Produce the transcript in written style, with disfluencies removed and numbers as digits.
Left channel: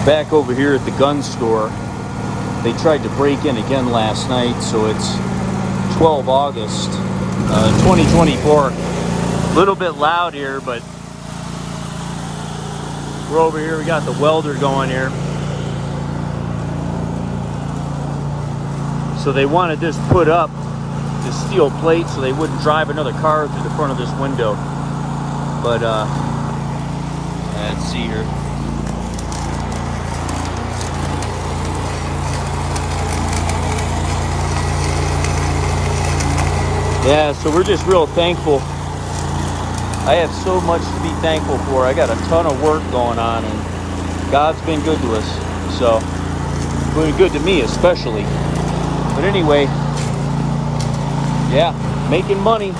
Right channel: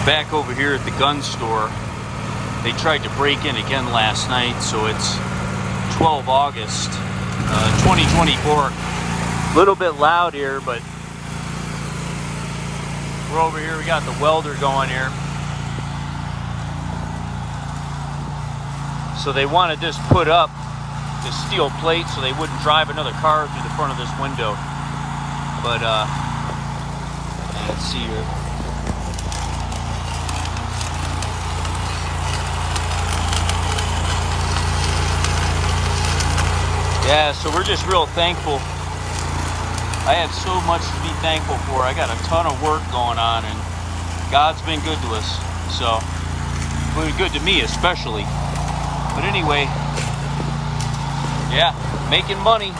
We're back over here at the gun store. They tried to break in again last night, so it's 12 August 2024. A little bit loud here, but we're over here. We got the welder going here. So they wanted this put up, the steel plate, so they wouldn't drive another car through the front of this window. But yeah, let's see here. Yeah, so we're just real thankful. I have so much to be thankful for. I got a ton of work going on, and God's been good to us. So, doing good to me especially. But anyway, yeah, making money.